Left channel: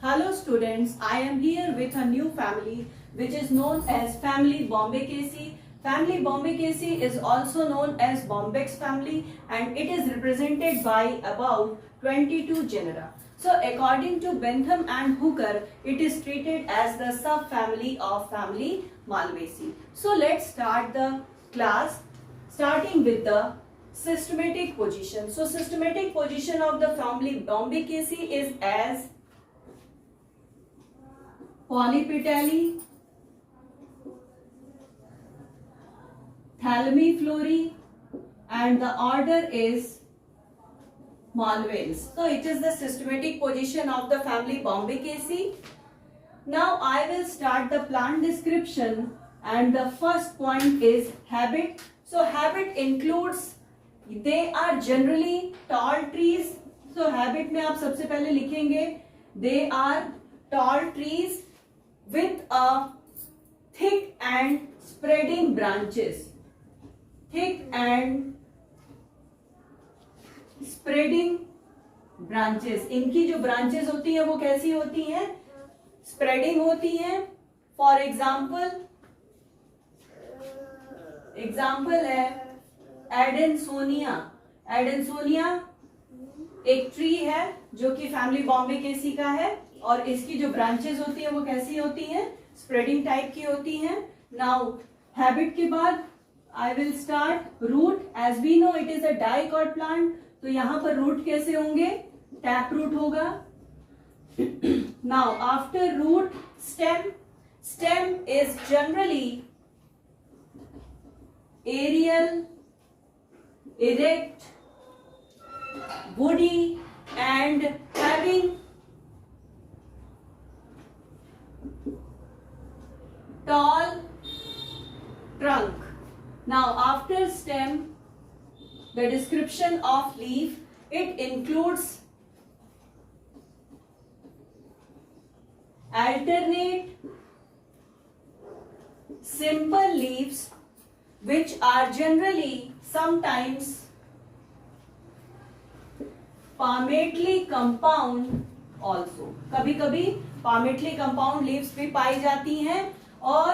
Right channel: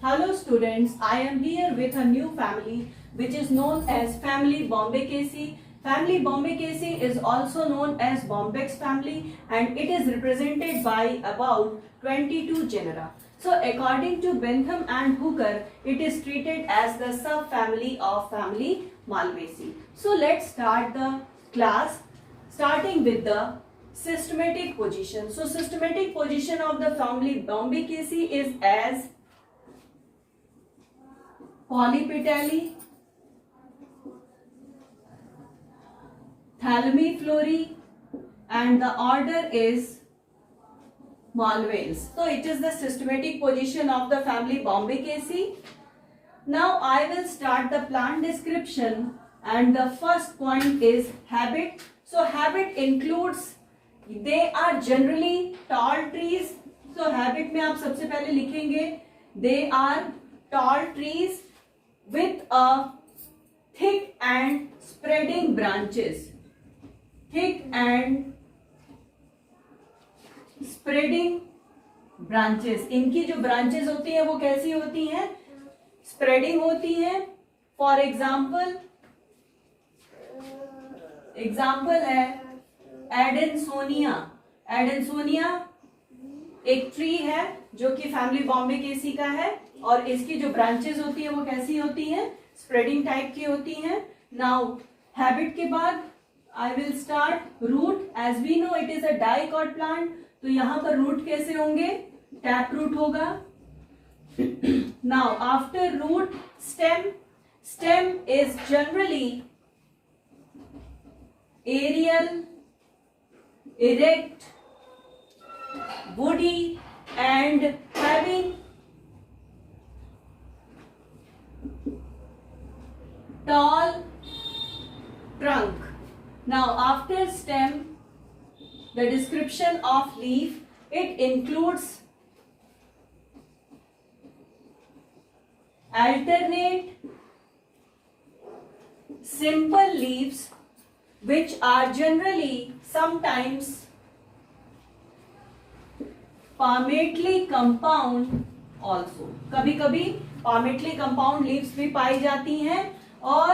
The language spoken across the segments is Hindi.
Hello students, I am here with a new family which is known as family Bombycaceae. Family Bombycaceae is also known as Bombyx family and it is represented by about 22 genera. So according to Bentham and Hooker, it is treated as the subfamily of family Malvaceae. So let's start the class starting with the systematic position. So systematic position of the family Bombycaceae is as Polypetalae, Thalamiflorae, and the order is Malvaceae. So it is the systematic position of the family Bombycaceae. Now I will start the plant description and the first point is habit. So habit includes, they are generally tall trees. So habit में आप सबसे पहले लिखेंगे they are tall trees with a thick and spreading branches. Thick and spreading branches. इनकी जो branches होती है वो कैसी होती हैं? Spreading होती हैं. For example है एडेंसोनिया. एडेंसोनिया एक ट्री है जो कि फैमिली बॉम्बेकेसी का है और इसकी जो ब्रांचेस होती है वो कैसी होती हैं? स्प्रेडिंग टाइप की होती हैं. नाउ हैबिट के बाद I will start root. As we know it is a dicot plant, तो यहां पर रूट कैसे होंगे? टैप रूट होगा. Now after root stem. Stem is generally aerial, erect, woody and having tall trunk. Now after stem, the description of leaf, it includes alternate simple leaves which are generally sometimes palmately compound also. कभी कभी palmately compound leaves भी पाई जाती हैं और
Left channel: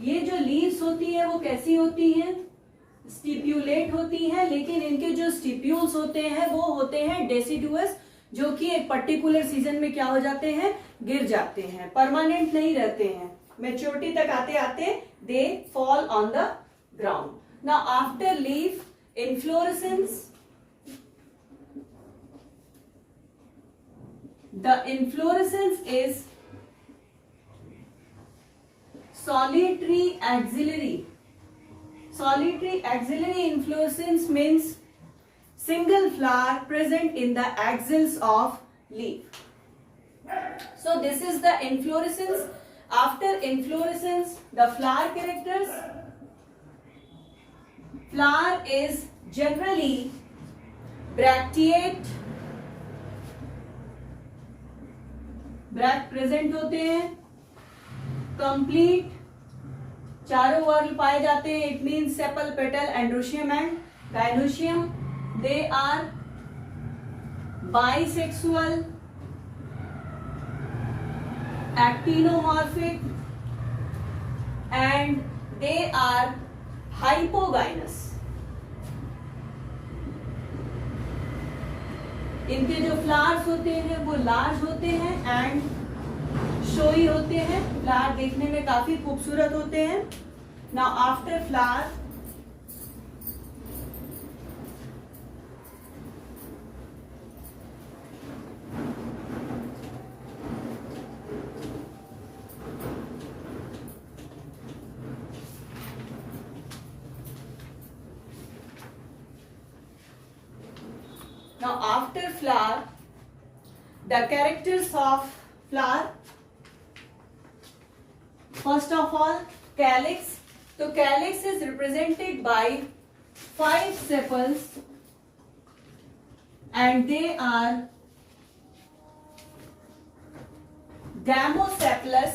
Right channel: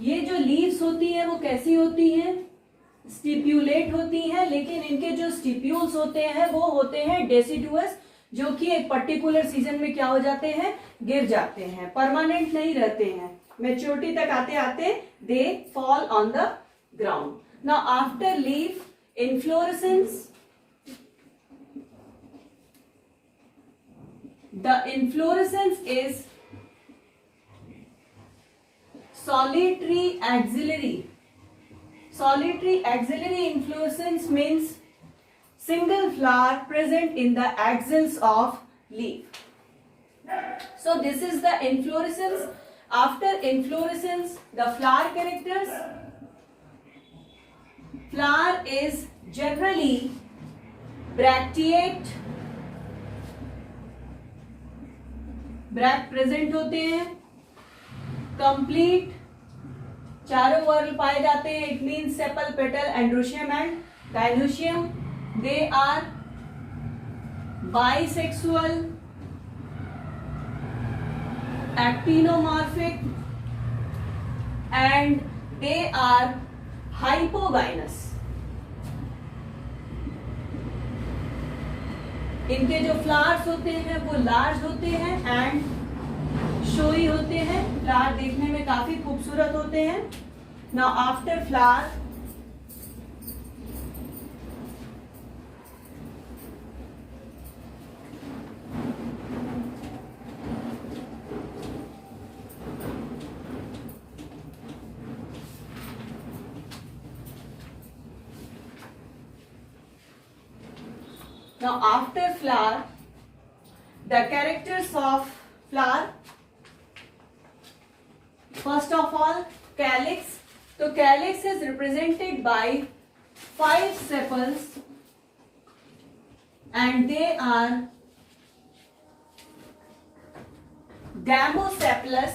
ये जो leaves होती हैं वो कैसी होती हैं? स्टिप्यूलेट होती हैं, लेकिन इनके जो स्टिप्यूल्स होते हैं वो होते हैं डेसिडुअस, जो कि एक पर्टिकुलर सीजन में क्या हो जाते हैं? गिर जाते हैं, परमानेंट नहीं रहते हैं. मेच्योरिटी तक आते आते they fall on the ground. Now after leaf, inflorescence. The inflorescence is solitary axillary. Solitary axillary inflorescence means single flower present in the axils of leaf. So this is the inflorescence. After inflorescence, the flower characters. Flower is generally bracteate, bract present होते हैं. कंप्लीट चारों वर्ग पाए जाते हैं. It means sepal, petal, androecium and gynoecium. They are bisexual, actinomorphic and they are hypogynous. इनके जो फ्लावर्स होते हैं वो लार्ज होते हैं एंड शोई होते हैं. फ्लावर देखने में काफी खूबसूरत होते हैं. Now after flower, now after flower, the characters of flower. First of all, calyx. So calyx is represented by 5 sepals and they are Damosepalous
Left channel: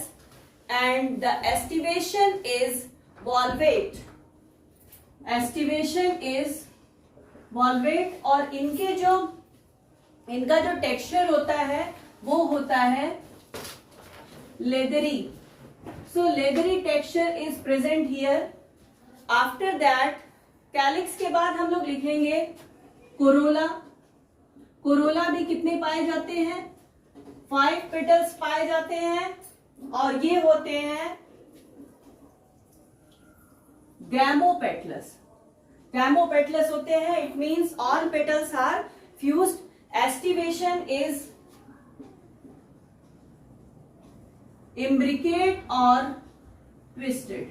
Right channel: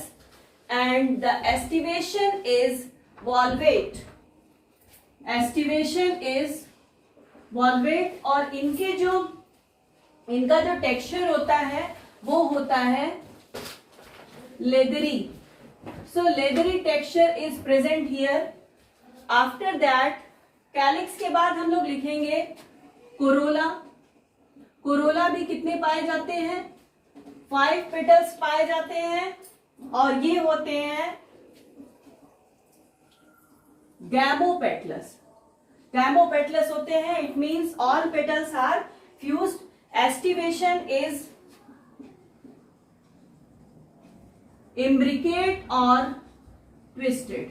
and the estivation is valvate. Estivation is valvate. और इनका जो टेक्सचर होता है वो होता है leathery. So leathery texture is present here. After that calyx के बाद हम लोग लिखेंगे कोरोला. कोरोला भी कितने पाए जाते हैं? 5 पेटल्स पाए जाते हैं और ये होते हैं गैमोपेटलस. गैमोपेटलस होते हैं. It means all petals are fused. Aestivation is imbricate और ट्विस्टेड.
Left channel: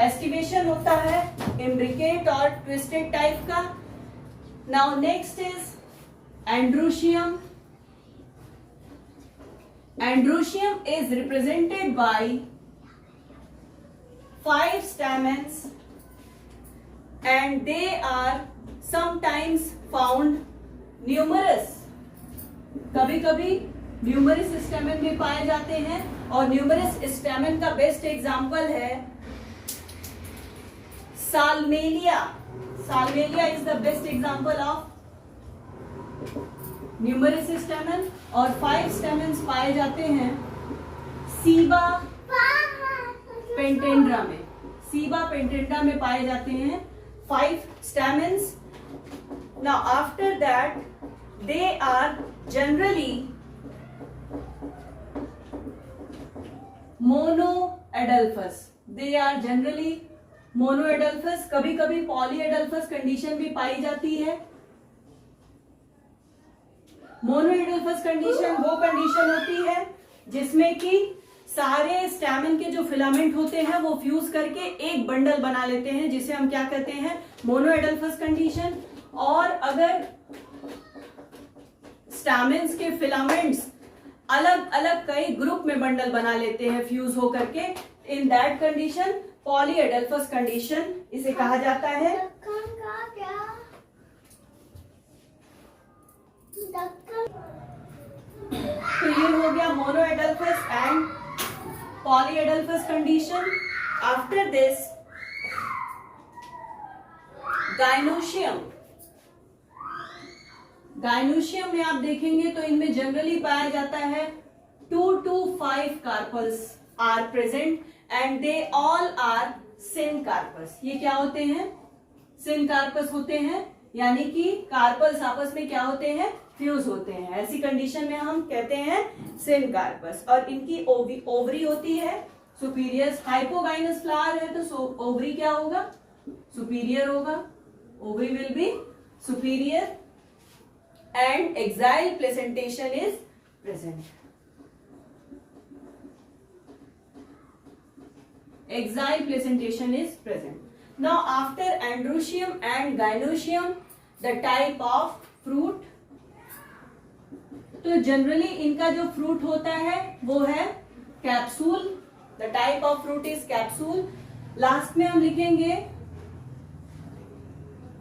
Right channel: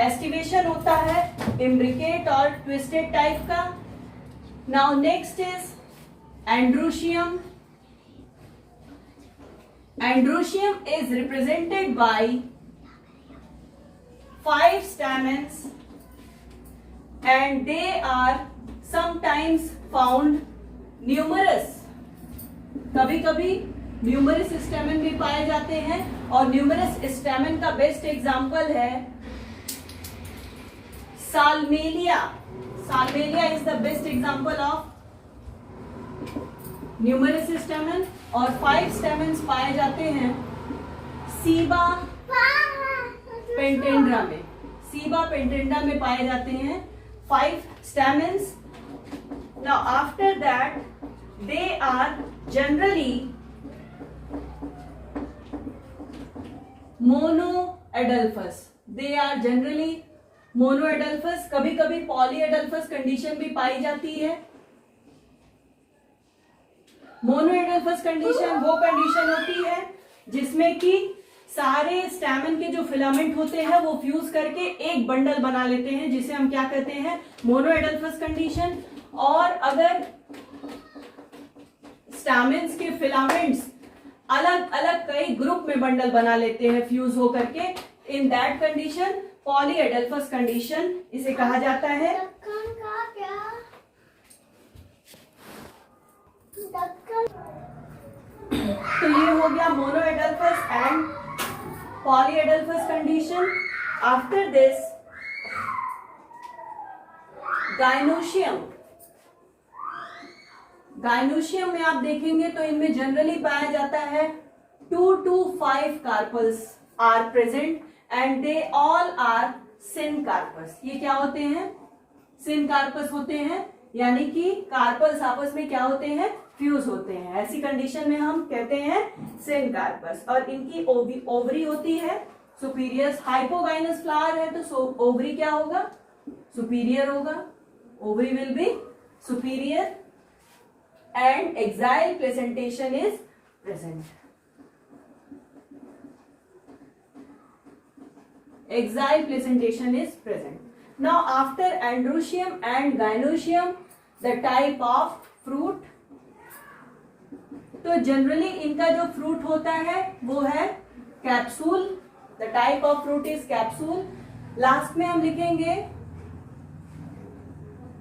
एस्टिवेशन होता है इम्ब्रिकेट और ट्विस्टेड टाइप का. Now next is androecium. Androecium is represented by 5 stamens and they are sometimes found numerous. कभी कभी न्यूमरस स्टैमेन भी पाए जाते हैं और न्यूमरस स्टैमेन का बेस्ट एग्जाम्पल है Salmalia. Salmalia is the best example of numerous stamen. और 5 स्टैमेन्स पाए जाते हैं सीबा पेंटेंड्रा में. सीबा पेंटेंड्रा में पाए जाते हैं 5 stamens. Now after that they are generally monoadelphous. They are generally monoadelphous. कभी कभी पॉलीएडल्फस कंडीशन भी पाई जाती है. मोनोएडल्फस कंडीशन वो कंडीशन होती है जिसमें कि सारे स्टैमेन के जो फिलामेंट होते हैं वो फ्यूज करके एक बंडल बना लेते हैं, जिसे हम क्या कहते हैं? मोनोएडल्फस कंडीशन. और अगर स्टैमेन्स के फिलामेंट्स अलग अलग कई ग्रुप में बंडल बना लेते हैं फ्यूज हो करके, in that condition polyadelphous condition इसे कहा जाता है. तो ये हो गया monoadelphous and polyadelphous condition. After this gynoecium. Gynoecium में आप देखेंगे तो इनमें जनरली पाया जाता है 2 to 5 carpels are present and they all are syncarpous. ये क्या होते हैं? सिनकार्पस होते हैं, यानी कि कार्पल्स आपस में क्या होते हैं? फ्यूज होते हैं. ऐसी कंडीशन में हम कहते हैं सिनकार्पस. और इनकी ओवरी होती है सुपीरियर. हाइपोगाइनस फ्लावर है तो ओवरी क्या होगा? सुपीरियर होगा. Ovary will be superior and axile placentation is present. Axile placentation is present. Now after androecium and gynoecium, the type of fruit. तो जनरली इनका जो फ्रूट होता है वो है capsule. The type of fruit is capsule. Last में हम लिखेंगे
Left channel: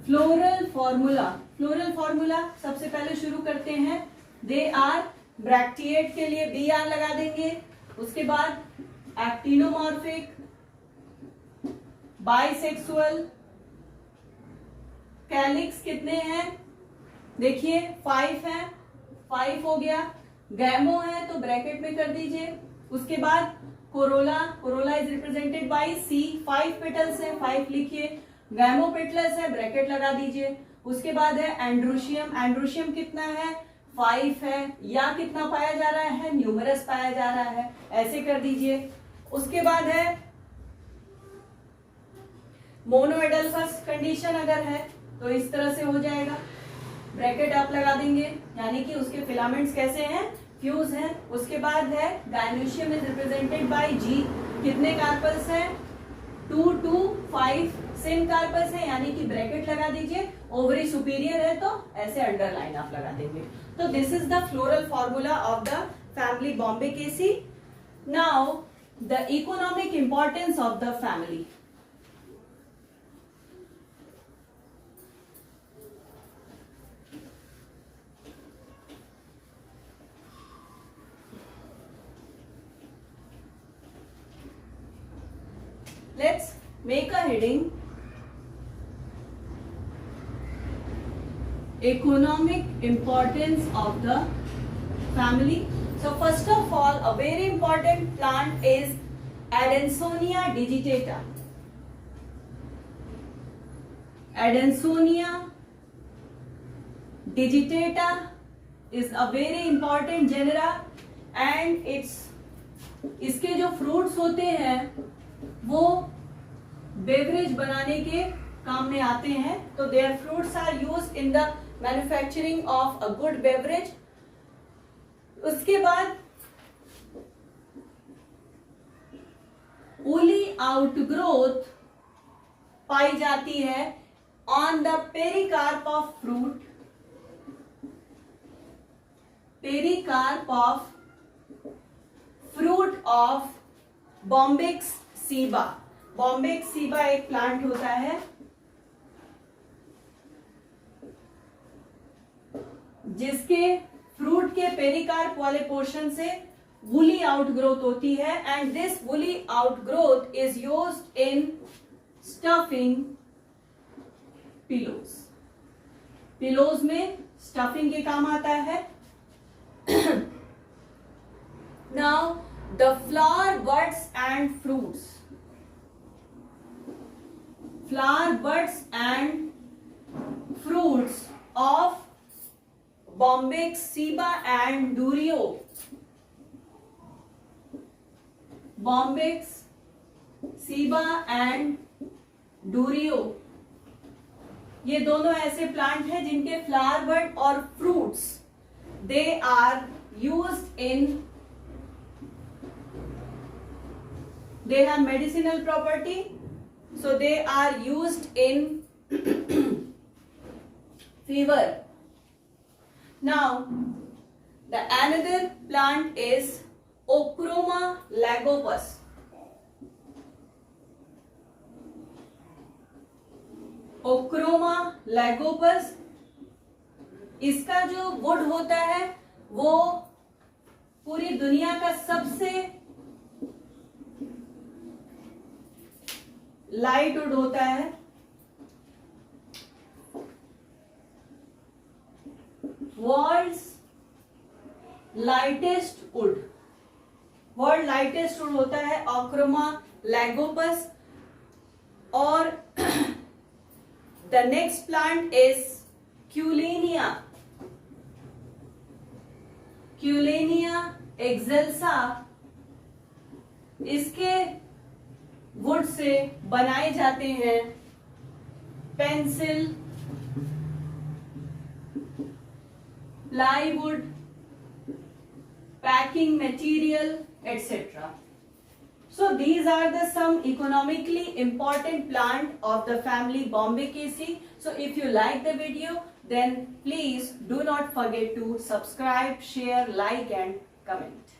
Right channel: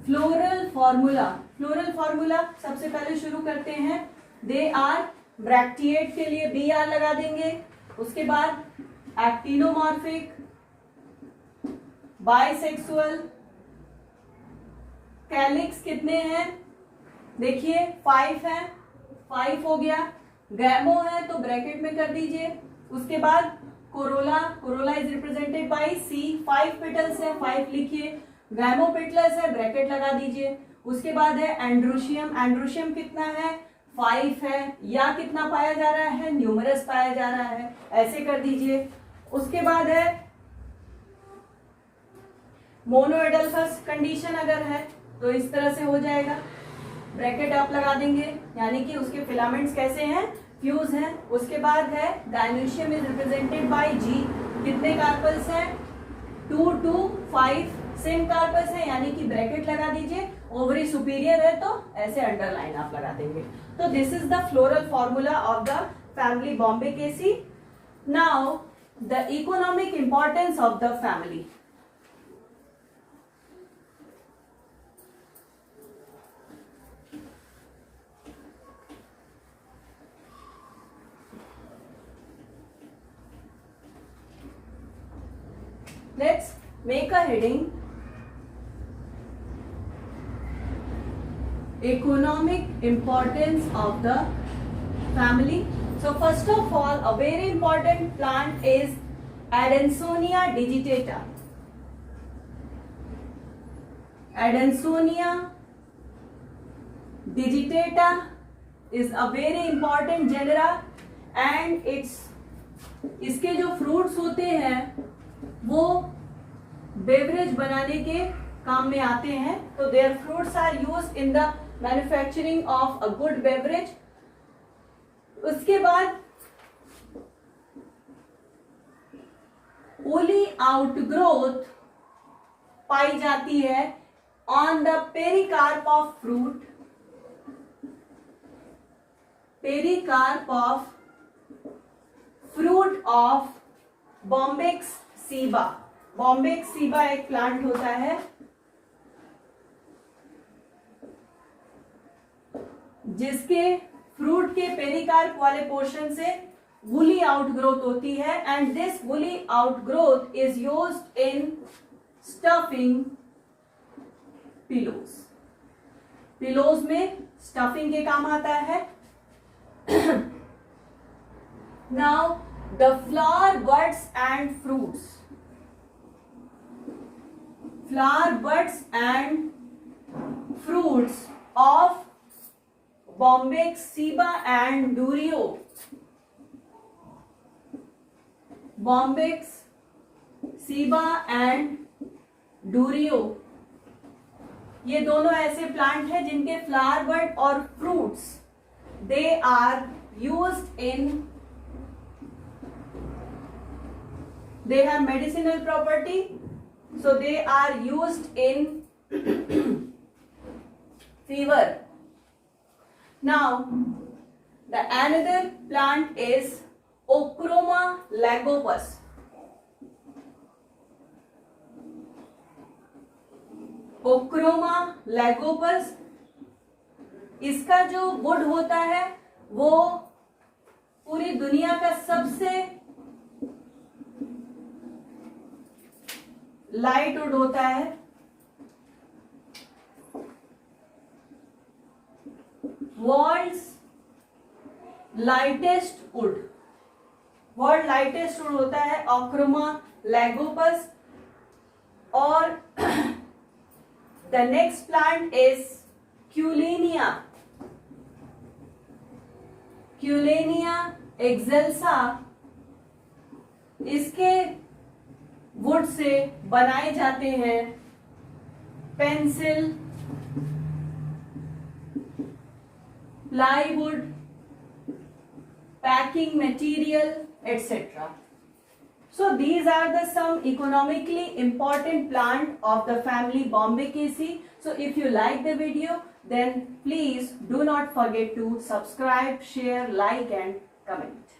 फ्लोरल फॉर्मूला. फ्लोरल फॉर्मूला सबसे पहले शुरू करते हैं. दे आर ब्रैक्टिएट के लिए बी आर लगा देंगे. उसके बाद एक्टिनोमॉर्फिक, बाइसेक्सुअल. कैलिक्स कितने हैं? देखिए 5 है. 5 हो गया. गैमो है तो ब्रैकेट में कर दीजिए. उसके बाद corolla. Corolla is represented by C. 5 petals है, 5 लिखिए. गैमोपेटलस है, ब्रैकेट लगा दीजिए. उसके बाद है एंड्रोशियम. एंड्रोशियम कितना है? 5 है. या कितना पाया जा रहा है? न्यूमरस पाया जा रहा है, ऐसे कर दीजिए. उसके बाद है मोनोएडल्फस कंडीशन. अगर है तो इस तरह से हो जाएगा. ब्रैकेट आप लगा देंगे, यानी कि उसके फिलामेंट्स कैसे हैं? फ्यूज हैं. उसके बाद है गाइनोशियम इज रिप्रेजेंटेड बाय जी. कितने कार्पल्स है? 2 to 5 सेम कार्पस है, यानी कि ब्रैकेट लगा दीजिए. ओवरी सुपीरियर है तो ऐसे अंडरलाइन आप लगा देंगे. तो this is the floral formula of the family Bombacaceae. Now the economic importance of the family. Let's make a heading. Economic importance of the family. So first of all, a very important plant is Adansonia digitata. Adansonia digitata is a very important genera and इसके जो फ्रूट्स होते हैं वो बेवरेज बनाने के काम में आते हैं. तो their fruits are used in the manufacturing of a good beverage. उसके बाद वुली आउटग्रोथ पाई जाती है on the pericarp of fruit. Pericarp of fruit of Bombax ceiba. Bombax ceiba एक प्लांट होता है जिसके फ्रूट के पेरिकार्प वाले पोर्शन से वुली आउटग्रोथ होती है and this woolly outgrowth is used in stuffing pillows. Pillows में स्टफिंग के काम आता है. Now the flower buds and fruits. Flower buds and fruits of Bombyx ceiba and Durio. Bombyx ceiba and Durio. ये दोनों ऐसे प्लांट हैं जिनके फ्लावर बड और fruits they are used in they have medicinal property, so they are used in fever. Now the another plant is Ochroma lagopus. Ochroma lagopus, इसका जो वुड होता है वो पूरी दुनिया का सबसे लाइट वुड होता है. World's lightest wood. World lightest wood होता है ऑक्रोमा लैगोपस. और the next plant is Cullenia. Cullenia excelsa. इसके वुड से बनाए जाते हैं pencil, plywood, packing material etc. So these are the some economically important plant of the family Bombycaceae. So if you like the video, then please do not forget to subscribe, share, like and comment.